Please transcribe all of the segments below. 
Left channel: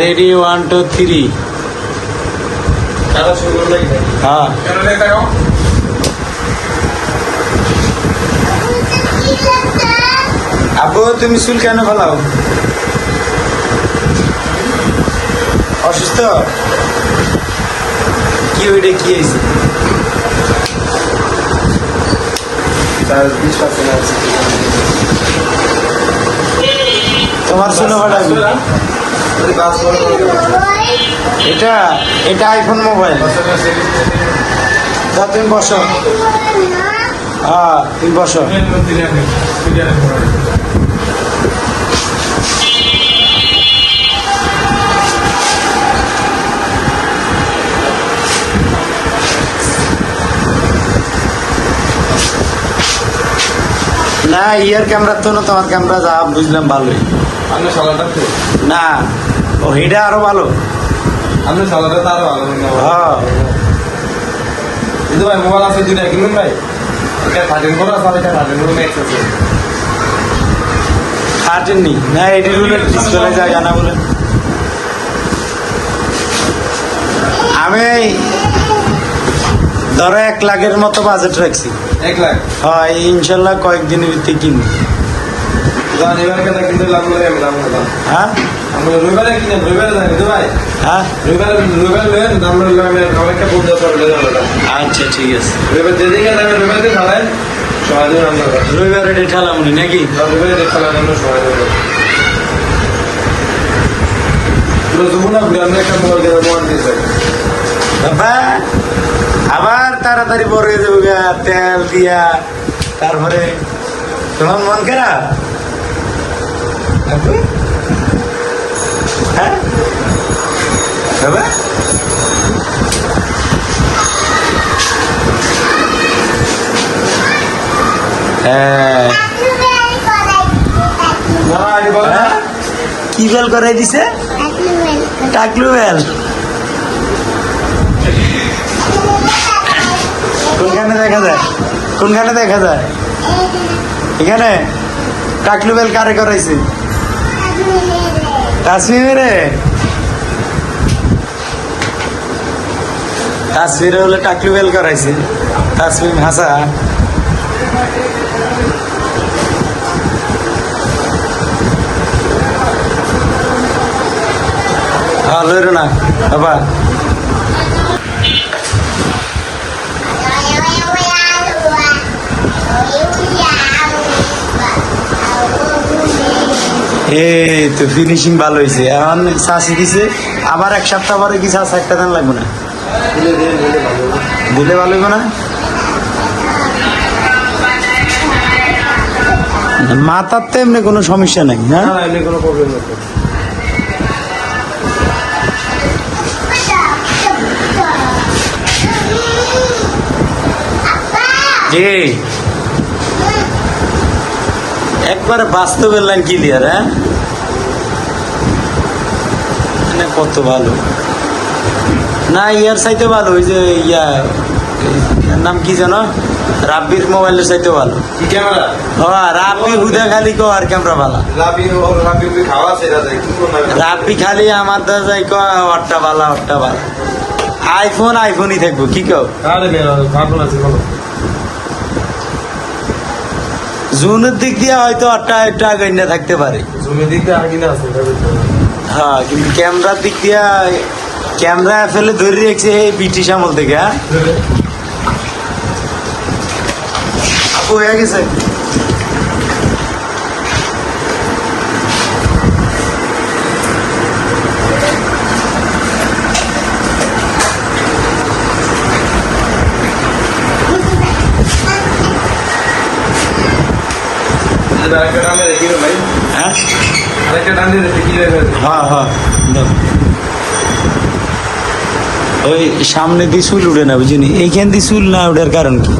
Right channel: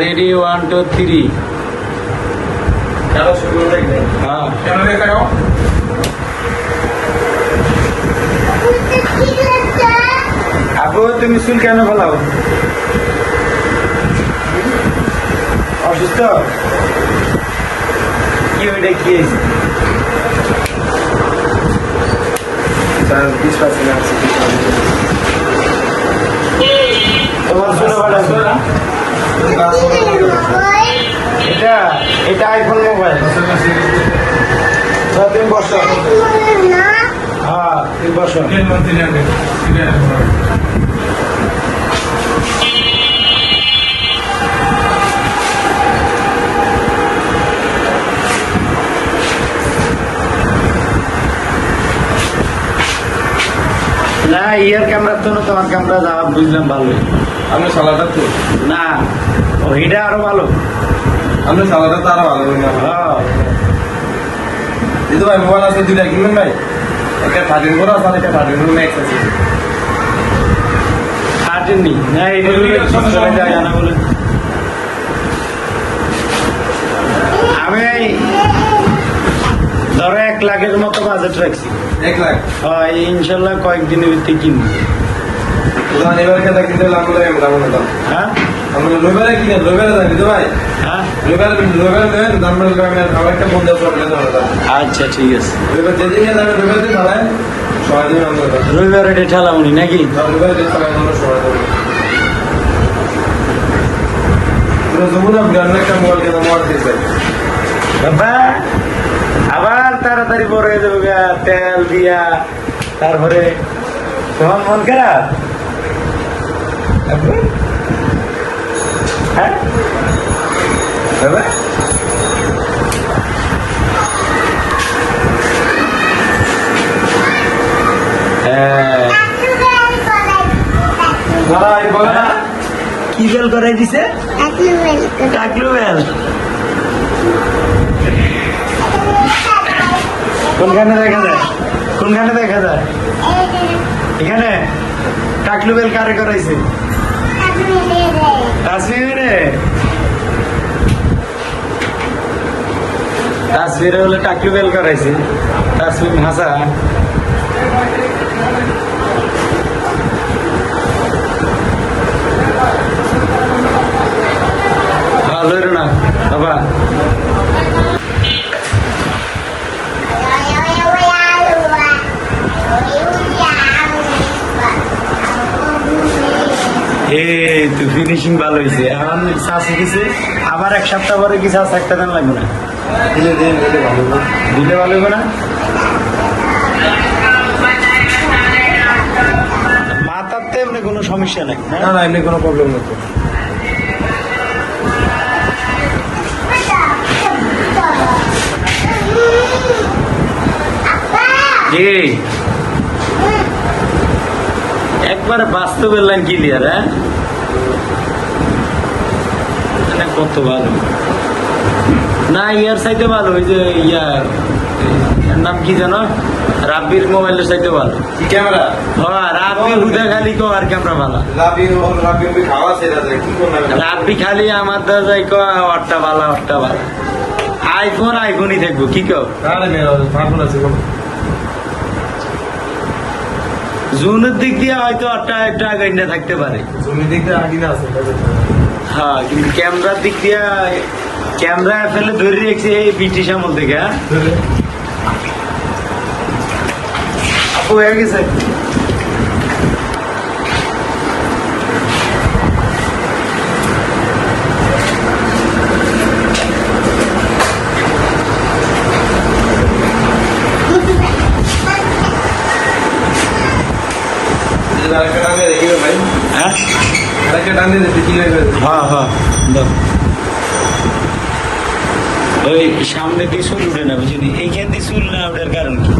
Ready 1 2 3 হ্যাঁ আবু তুমি চুল কেন ফেলাও? অসুস্থ কি ওইটা কি হয়েছে? তোমার চুল ফাটাবি? এটা এটা আইফোন মোবাইল। তুমি বসো। হ্যাঁ তুমি বসো। না ইয়ার ক্যামেরা তো না, তোমার ক্যামেরা যা বুঝলাম ভালোই। আপনার সালাটা তো না ওইটা আরো ভালো। আপনার সালাটা তো আরো ভালো। হ্যাঁ এই তো ভাই মোবাইল আছে দুইটা কিনবেন ভাই? একটা 13 করে আছে আর একটা 13 করে ম্যাক্স আছে। কাটেননি না এটি হলে ডিসপ্লে জায়গা না বলে আমি ধরো 1 লাখের মতো বাজেট রাখছি। 1 লাখ? হ্যাঁ ইনশাল্লাহ কয়েকদিনের ভিতরে কিনবো। এবার কথা কিনতে লাভ করে দাম দাম। হ্যাঁ আমরা রবিবারে কিনে রবিবারে জানি তো ভাই। হ্যাঁ রবিবারে দাম লাগবে আমার একটা বন্ধ করলে দাম। আচ্ছা ঠিক আছে। রবিবার যেদিনে যাবে রবিবারে ঢালাই সময় দিন আমরা রবিবারে ডেট ঠেলামুনি নাকি? রবিবারে দেখতে লাগে আমরা সময় দেবো। পুরো জীবন আমরা একটা মোবাইল কেনা মোবাইল দেখবে বাবা আবার তাড়াতাড়ি বড় হয়ে যাবো গা তেল দিয়া। তারপরে তোমার মন খারাপ? হ্যাঁ বাবা কি বেল করে দিছে? টাকলু বেল। কোনখানে দেখা যায়? কোনখানে দেখা যায়? এখানে টাকলু বেল কারে করাইছে? তাসমিরে। তাসমিরে হলে টাকলু বেল করাইছে। তাসমিম হাসা ভালো না বাবা। এই তো ফিনিশিং ভালো হয়েছে। এখন চাষি দিছে আবার 1 সপ্তাহ পরে কি চাষ একটা দিন লাগবে না? দিলে ভালো হবে না? মাথার তো এমনি কোনো সমস্যা নেই। হ্যাঁ এমনি কোনো প্রবলেম নেই। একবারে বাস্তবের লাইন ক্লিয়ার। হ্যাঁ কত ভালো না ইয়ার চাইতে ভালো। ওই যে নাম কি জানো? রাব্বির মোবাইলের চাইতে ভালো। রাব্বি হুদা খালি কো আর ক্যামেরা ভালো। রাব্বি খালি আমার দা যাই কো ওরটা ভালো ওরটা ভালো। আইফোনই থাকবো কি কও? জুনের দিক দিয়ে হয়তো একটা গন্ডা থাকতে পারে। হ্যাঁ কিন্তু ক্যামেরার দিক দিয়ে ক্যামেরা ফেলে ধরে রেখেছে এই ব্রিটিশ আমল থেকে। হ্যাঁ আপু হয়ে গেছে। হ্যাঁ হ্যাঁ হ্যাঁ ওই সামনে দিয়ে চুল উঠে না বুঝিনি। এইখান দিয়ে চুল না ওঠার কারণ কি?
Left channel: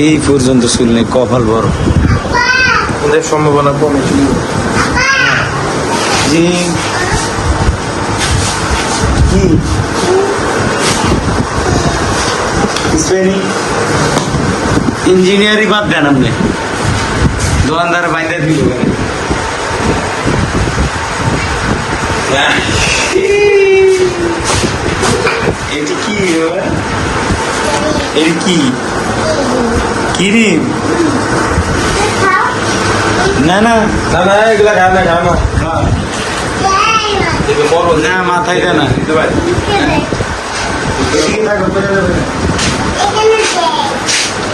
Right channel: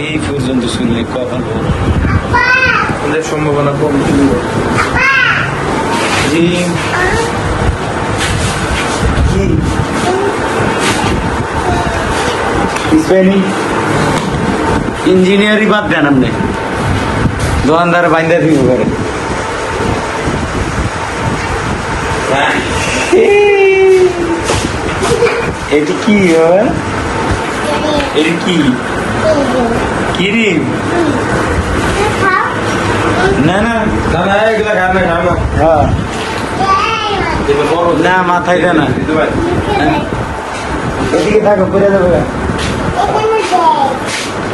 এই পর্যন্ত চুল নেই, কপাল বড়। সম্ভাবনা কম। ইঞ্জিনিয়ারই বাদ দেন আপনি, দোকানদার বাইন্দা দিব। এটি কি হয়? এটি কি কিরিম? না না না না এগুলা খাও না খাও না হ্যাঁ এগুলো বড় না মাথায় দেয় না। দিতে পারি এদিকে থাকো কোথায় দেবে?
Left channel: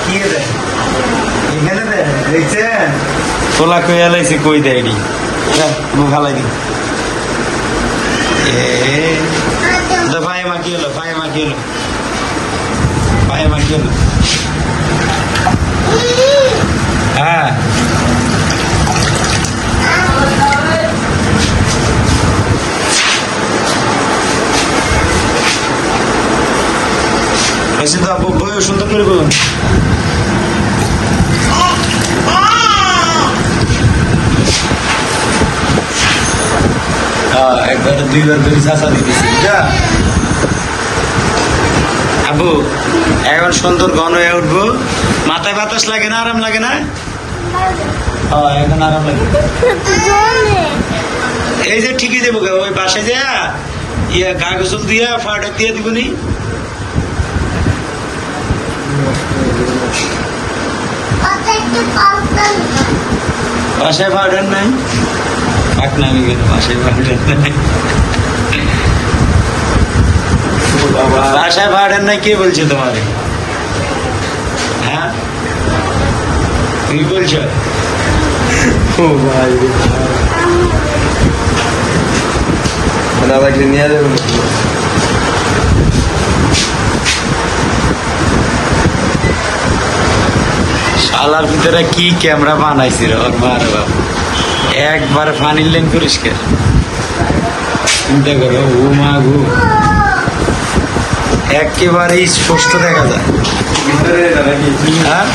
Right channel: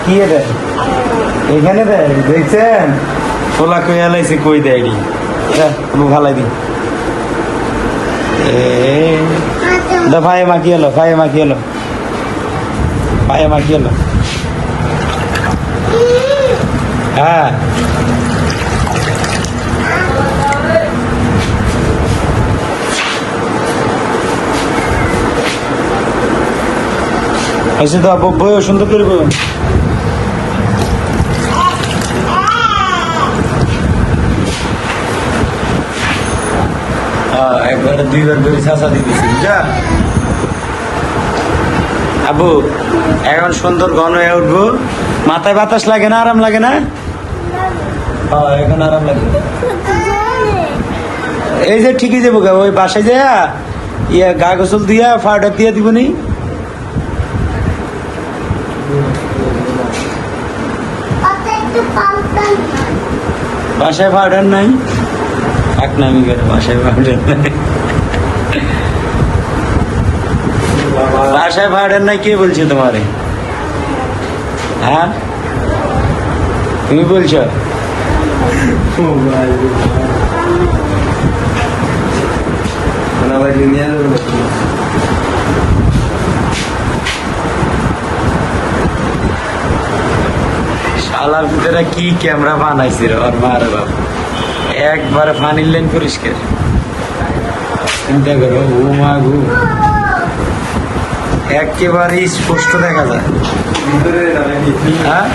কি দেয় এখানে দেয় দেখছেন তোলা কই আলাইছে কই দেয় এটি ভালাই দি ভাই মাকি এলো ভাই মাকি এলো ভাই মাকি এলো হ্যাঁ ऐसे तो आप बहुत सुंदर করে বলুন একবার দুইবার করে চাষা দিতেছি যা আবু এখন সুন্দর ঘন হয়ে উঠবো মাথায় বাতাস লাগে না আরাম লাগে না হ্যাঁ এখন আরাম লাগে এই যে ঠিকই দেবো গা ওই পাশে যা ইয়ে গা গোসল দিয়া ফাউডার দিয়ে দিবনি বাসায় পাউডার নাই থাক নামি কেন বাসায় পাউডার নাই বাসায় পাউডার নাই কে বলছে তোমারে হ্যাঁ তুমি বলছো না লাগলে নিয়ে যাবে শালার ভিতরে কি ক্যামেরা বানাইছি রে ওর মারে বাবু একবার ফানির লেন পরিষ্কার চিন্তা করো ও মা গু একেবারে স্পষ্ট দেখা যায় ভিতরে এটা নাকি হ্যাঁ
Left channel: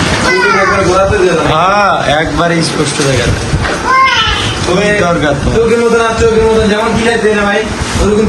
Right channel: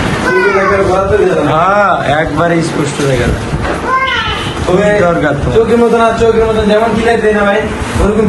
একবার বলাতে দিও না হ্যাঁ একবারে স্পষ্ট দেখা যায় খুবই দরকার তোমার চোখের মতন আর চোখের মতন যেমন বিলাইতে না ভাই ওরকম